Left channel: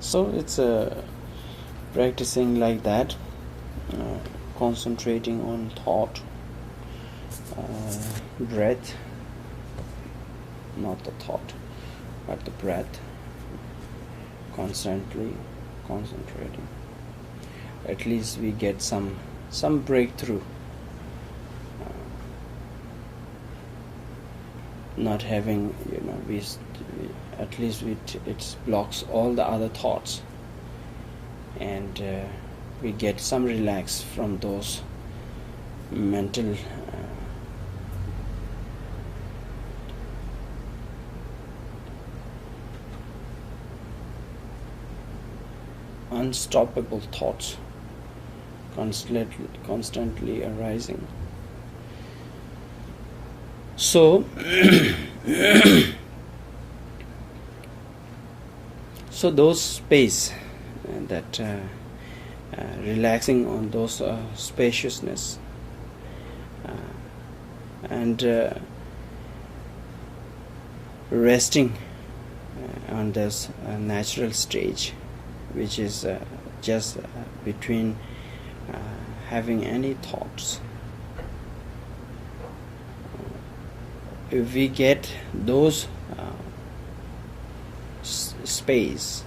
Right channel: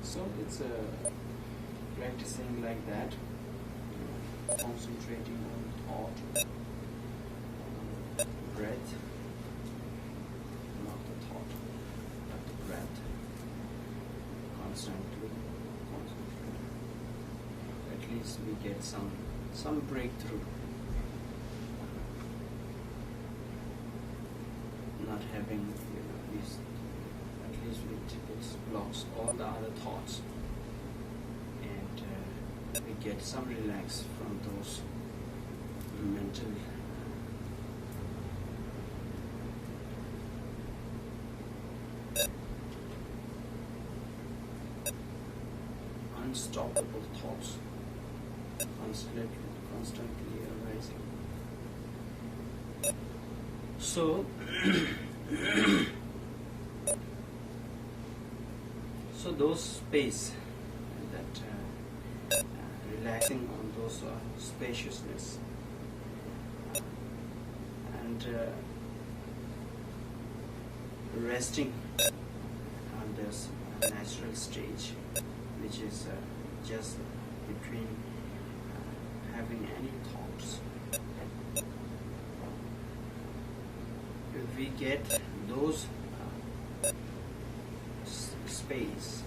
So it's practicing like that, concentrating on thought, breath, not the thought, but the breath, constantly concentrating. At least we get some breakthrough. Not having, we at least it blocks all the other thoughts, and we get some relax from those mental unstoppable thoughts constantly arising. So so those space that relaxing on those spaciousness and resting on this natural stage, which is just between having any thoughts. If we get those space,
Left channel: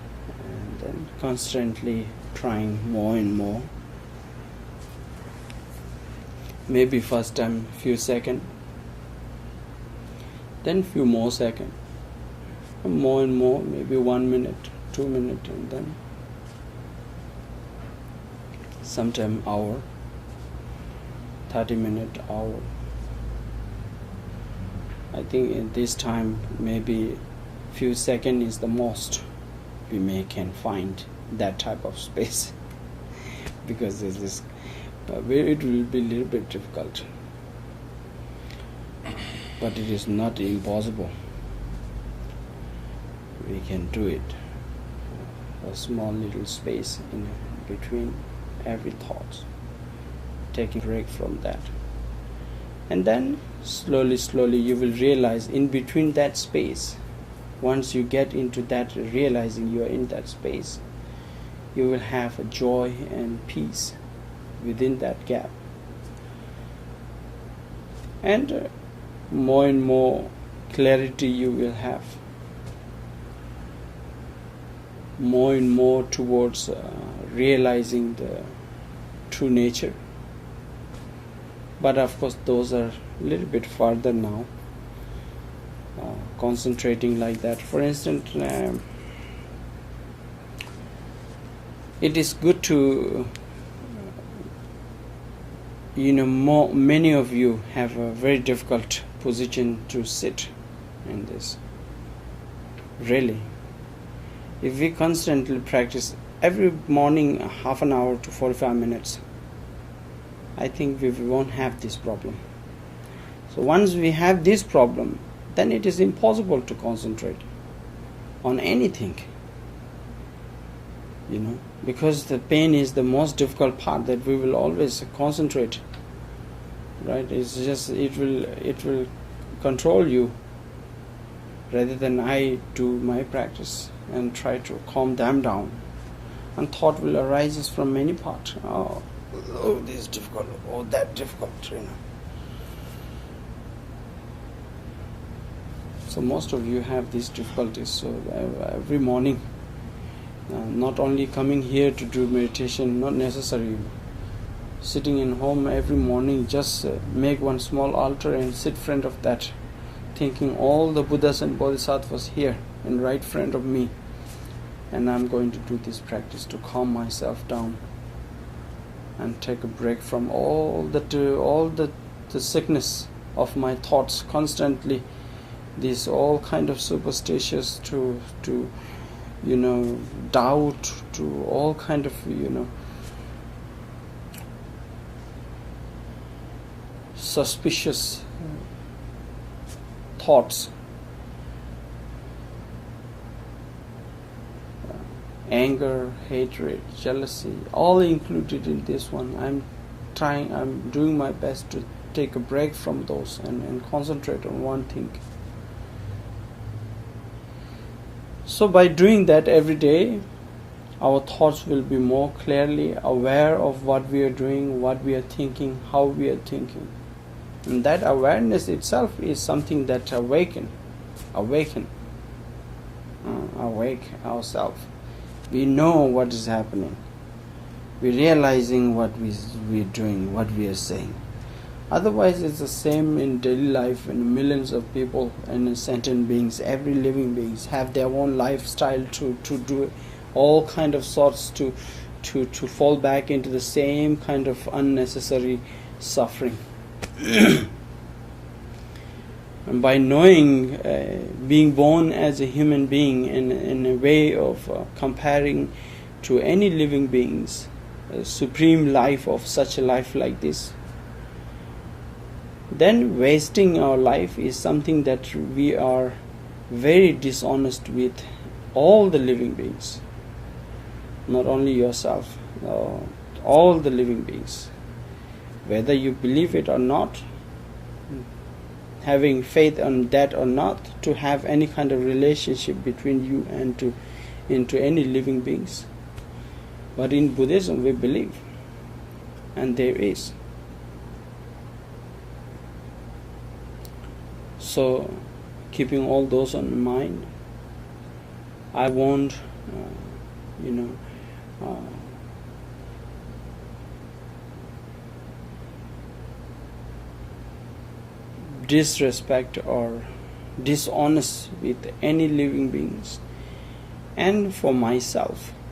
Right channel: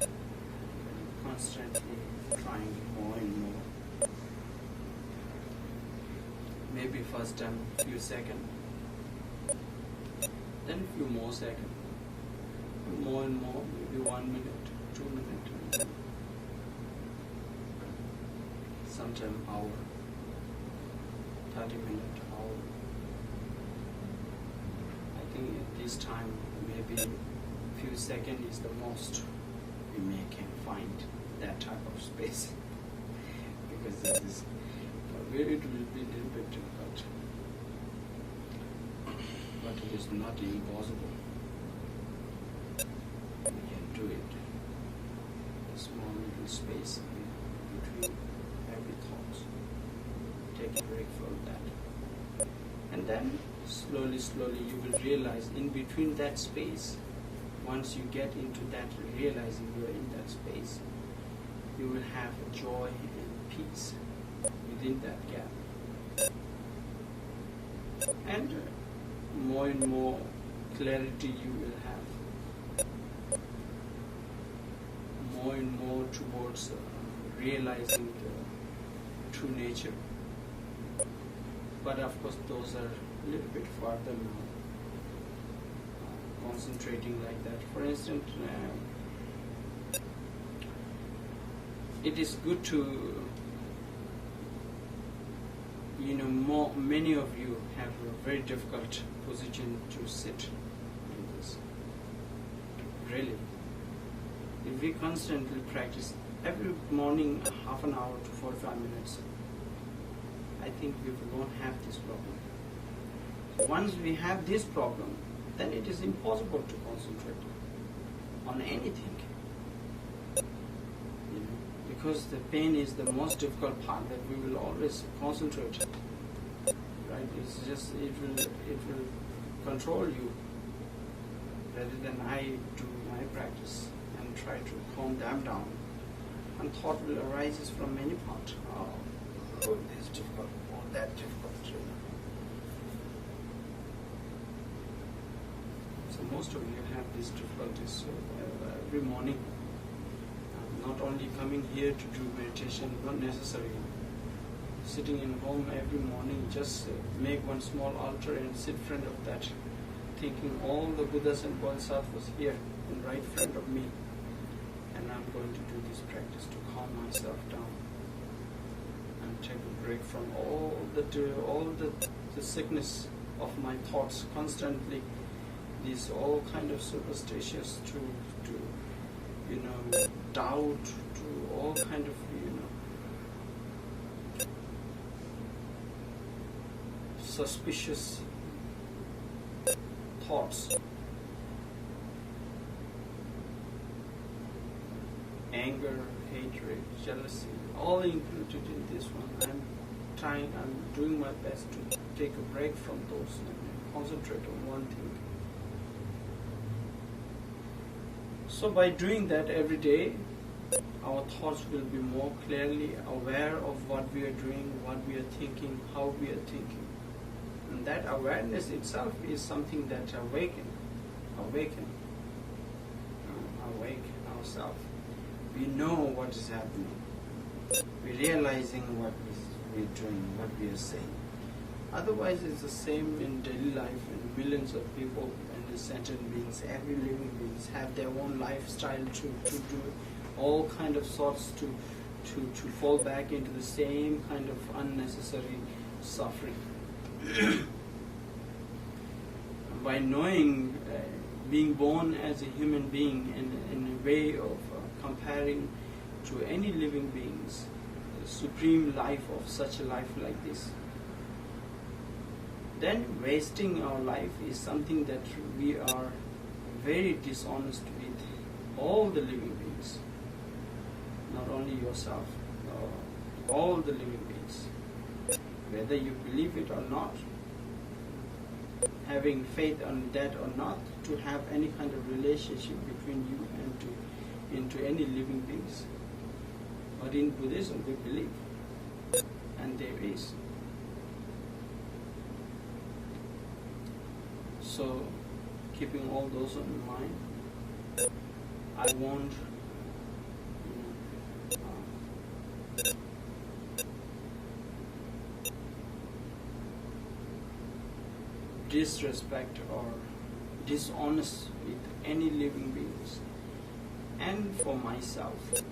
and then constantly trying more and more, maybe first time few seconds, then few more seconds, and more, maybe 1 minute, 2 minutes, and then sometime hour, 30-minute, hour. I think in this time maybe few seconds is the most we can find that type of space because this is where it will be a little bit difficult, but it is not impossible. We can do it. A small little space in between every thought, take a break from that, and then slowly you will realize in between that space, once you get into that realizing you are in that space, you will have a joy and peace within that gap, and more and more clarity you will have, more and more towards realizing the true nature. But of course those are a little bit farther now, concentrating like that. For instance, it is good to, many of you have a very difficult position to sit in this. Really, if we constantly practice every morning half an hour to 45 minutes, I think we won't have this problem. So once we have this problem, then it is impossible to concentrate on anything, because the pain is the most difficult part that we will always concentrate, right? It's just it will control you rather than I do my practice and try to calm them down, and thought will arise from many parts. Oh, this is difficult, oh, that difficult, So most of you have these difficulties. So every morning, not only coming here to do meditation, not necessary, sitting in home every morning, just make one small altar and sit in front of that, thinking all the Buddhas and Bodhisattvas here in right front of me, and I'm going to do this practice to calm myself down and take a break from all the sickness of my thoughts constantly. These all kind of superstitious to doubt, to all kind of suspicious thoughts, anger, hatred, jealousy, all included in this one. I'm doing my best to take a break from those and concentrate on one thing. So by doing that every day, our thoughts will be more clearly aware of what we are doing, what we are thinking, how we are thinking. And that awareness itself is something that awake ourselves. We know what is happening. We're realizing what we're doing, what we are saying. Otherwise, it's the same in daily life, and millions of people and sentient beings, every living beings have their own lifestyle to do all kind of sorts to fall back into the same kind of unnecessary suffering. And by knowing, being born as a human being in a way of comparing to any living beings, a supreme life of such a life like this, then wasting our life is something that we are very dishonest with all the living beings, not only yourself, all the living beings, whether you believe it or not, having faith on that or not, to have any kind of relationship between you and into any living beings. But in Buddhism we believe, and there is. So, keeping all those on mind, I won't, disrespect or dishonest with any living beings. And for myself,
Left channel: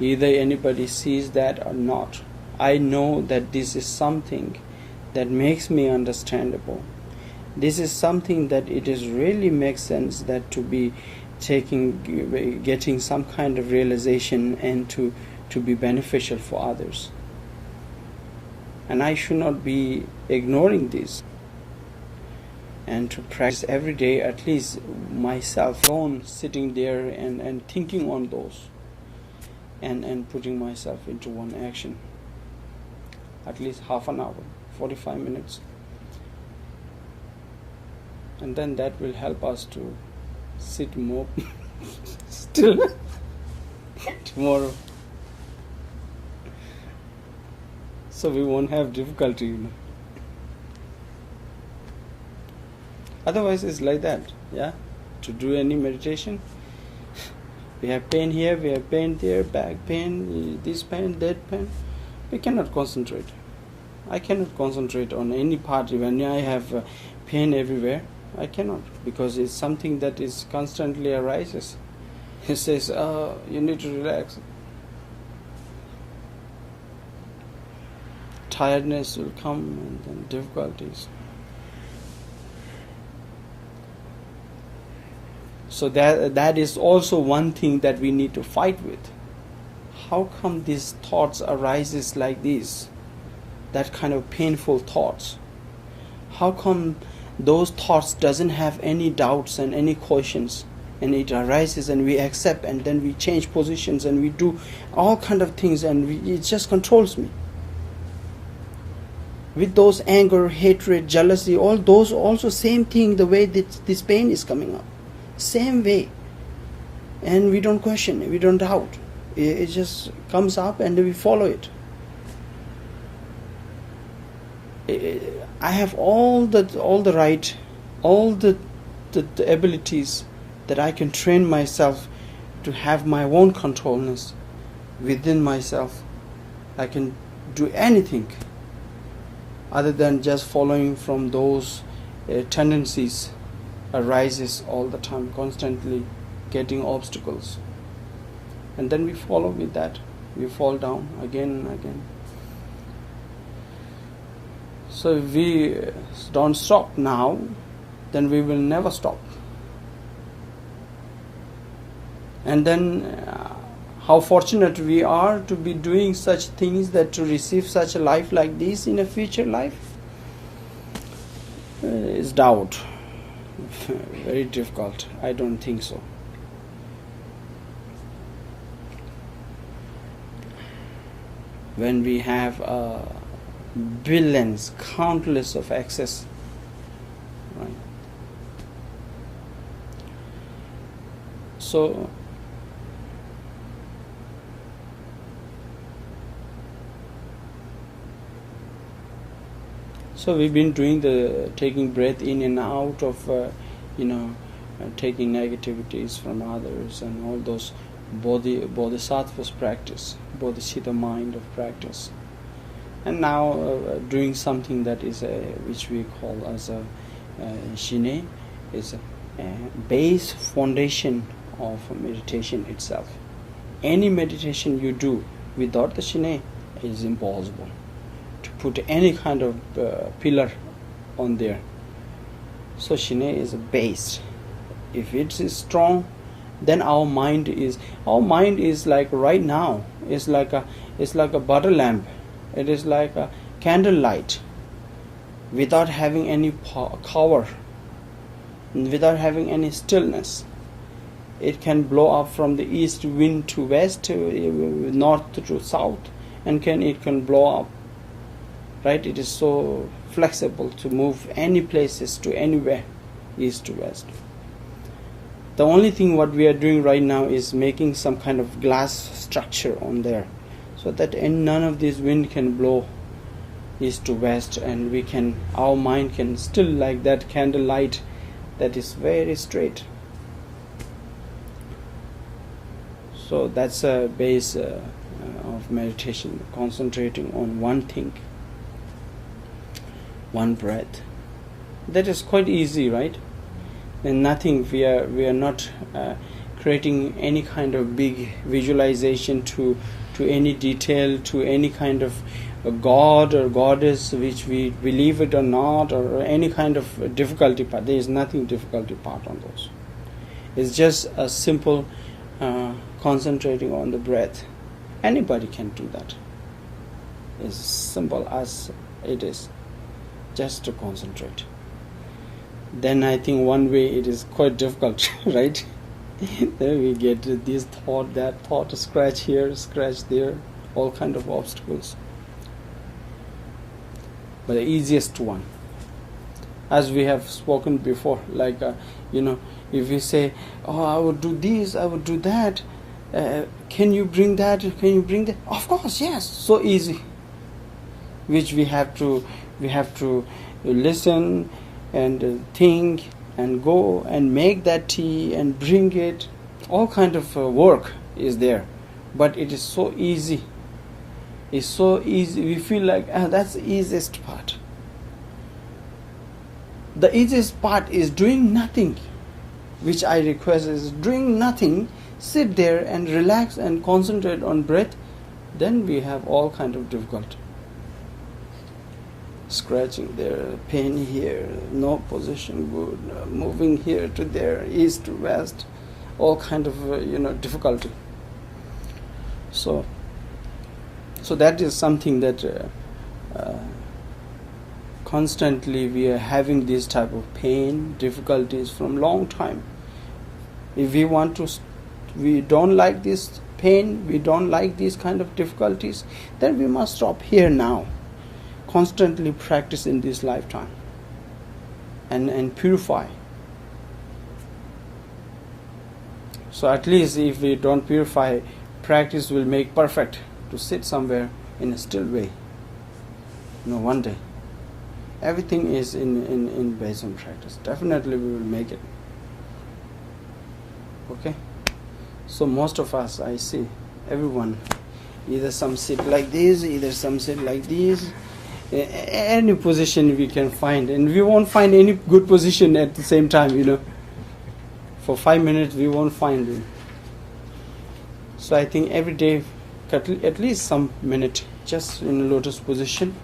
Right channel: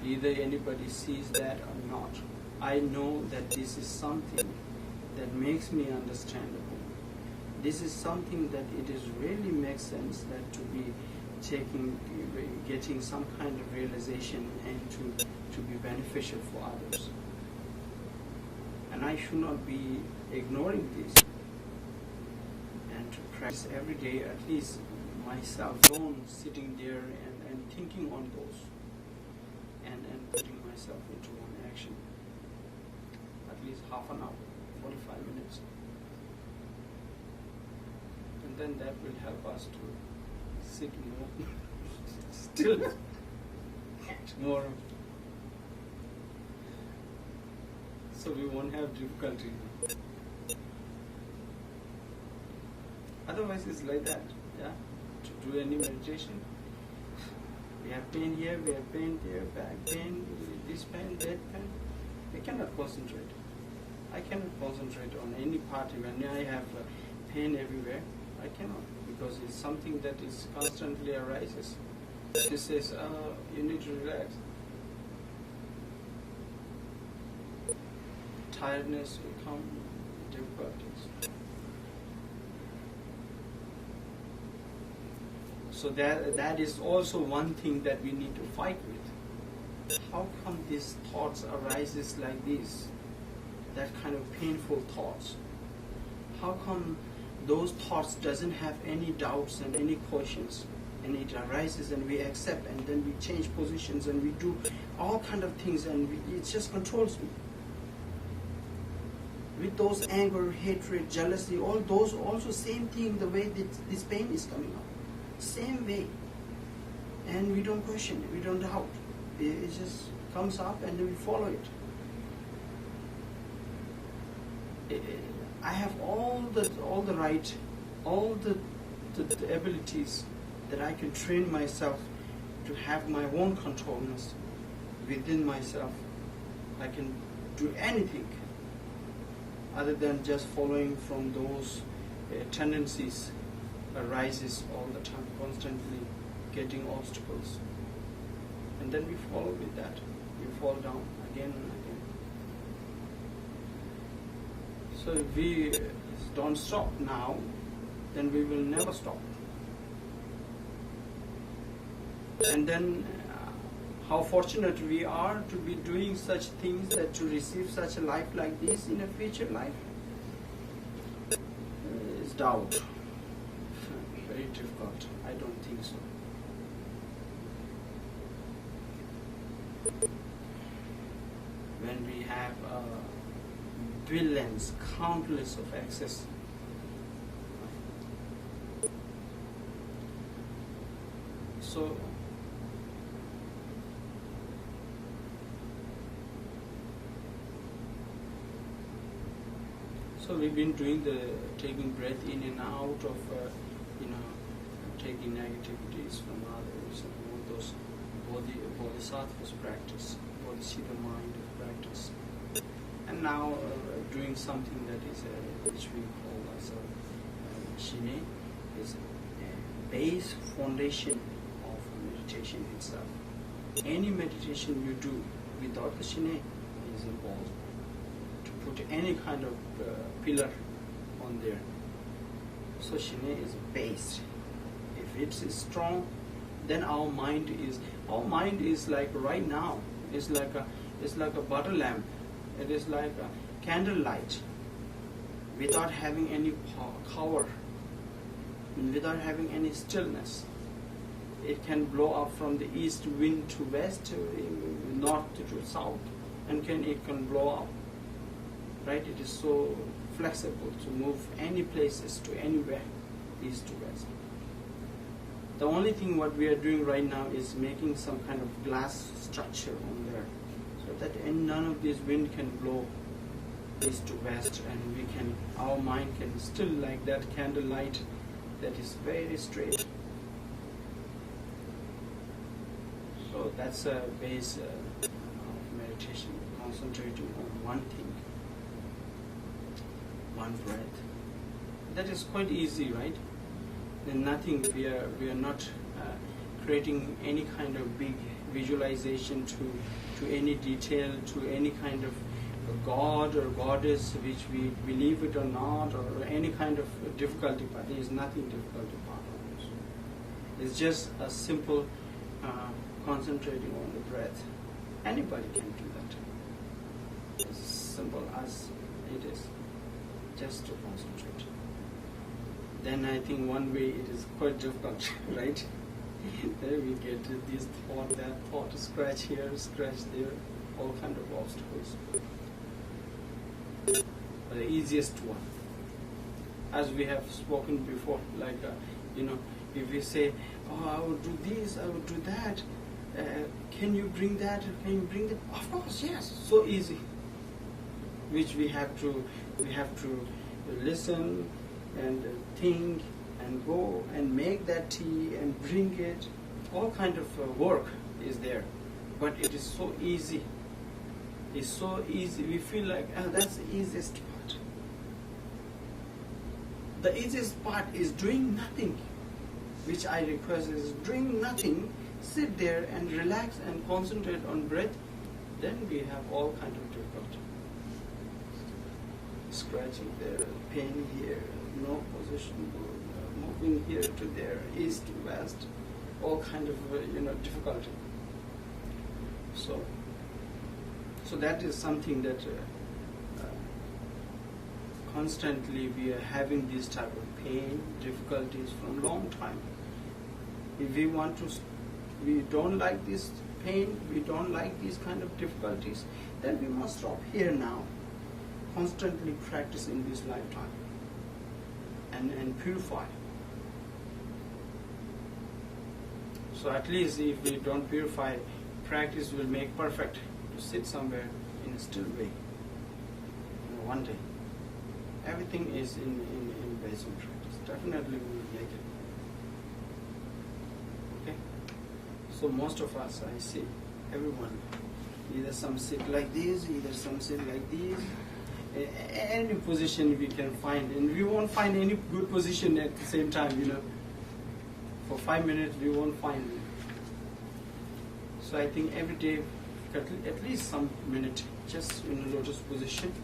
either anybody sees that or not, I know that this is something that makes me understandable. This is something that it is really makes sense that to be getting some kind of realization and to be beneficial for others. And I should not be ignoring this. And to practice every day, at least myself alone, sitting there and thinking on those and putting myself into one action. At least half an hour, 45 minutes. And then that will help us to sit more still tomorrow. So we won't have difficulty, Otherwise it's like that, to do any meditation, we have pain here, we have pain there, back pain, this pain, that pain. We cannot concentrate. I cannot concentrate on any part when I have pain everywhere. I cannot, because it's something that is constantly arises. It says, you need to relax. Tiredness will come and then difficulties. So that is also one thing that we need to fight with. How come these thoughts arises like this? That kind of painful thoughts. How come those thoughts doesn't have any doubts and any questions, and it arises and we accept, and then we change positions and we do all kind of things, and it just controls me. With those anger, hatred, jealousy, all those also same thing, the way this pain is coming up. Same way. And we don't question it, we don't doubt. It just comes up and we follow it. I have all the right, all the abilities that I can train myself to have my own controlness within myself. I can do anything other than just following from those tendencies arises all the time, constantly getting obstacles. And then we follow with that. We fall down again and again. So if we don't stop now, then we will never stop. And then how fortunate we are to be doing such things, that to receive such a life like this in a future life is doubt. Very difficult. I don't think so. When we have billions, countless of access, right? So we've been doing the taking breath in and out of taking negativities from others and all those bodhisattvas practice, bodhicitta mind of practice. And now doing something that is which we call as a Shinay, is a base foundation of meditation itself. Any meditation you do without the Shinay is impossible. To put any kind of pillar on there. So Shinay is a base. If it is strong, then our mind is like right now is like a butter lamp. It is like a candlelight, without having any cover, without having any stillness. It can blow up from the east wind to west, north to south, and it can blow up. Right? It is so flexible to move any places to anywhere, east to west. The only thing what we are doing right now is making some kind of glass structure on there, so that none of this wind can blow east to west, and our mind can still like that candlelight that is very straight. So that's a base of meditation, concentrating on one thing, one breath. That is quite easy, right? And nothing, we are not creating any kind of big visualization to any detail, to any kind of a god or goddess, which we believe it or not, or any kind of difficulty part. There is nothing difficulty part on those. It's just a simple concentrating on the breath. Anybody can do that. It's simple as it is, just to concentrate. Then I think one way it is quite difficult, right? Then we get this thought, that thought, scratch here, scratch there, all kind of obstacles. But the easiest one, as we have spoken before, like if we say, oh, I would do this, I would do that, can you bring that, can you bring that? Of course, yes, so easy. Which we have to listen and think and go and make that tea and bring it. All kind of work is there, but it is so easy. It's so easy. We feel like that's the easiest part. The easiest part is doing nothing, which I request is doing nothing. Sit there and relax and concentrate on breath. Then we have all kind of difficulty. Scratching there, pain here, no position good, moving here to there, east to west, all kind of difficulty. So that is something that constantly we are having this type of pain, difficulties from long time. If we don't like this pain, we don't like these kind of difficulties, then we must stop here now. Constantly practice in this lifetime and purify. So at least if we don't purify, practice will make perfect to sit somewhere in a still way. One day. Everything is in based on practice. Definitely we will make it. Okay? So most of us, I see, everyone, either some sit like this, either some sit like this, any position we can find, and we won't find any good position at the same time, For 5 minutes we won't find it. So I think every day, at least some minute, just in a lotus position,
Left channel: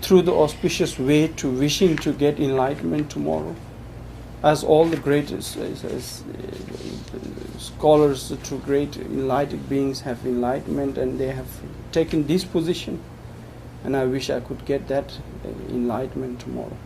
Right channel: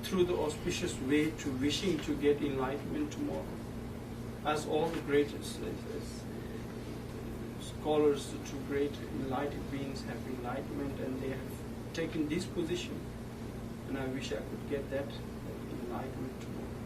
through the auspicious way to wishing to get enlightenment tomorrow, as all the greatest scholars to great enlightened beings have enlightenment, and they have taken this position. And I wish I could get that enlightenment tomorrow.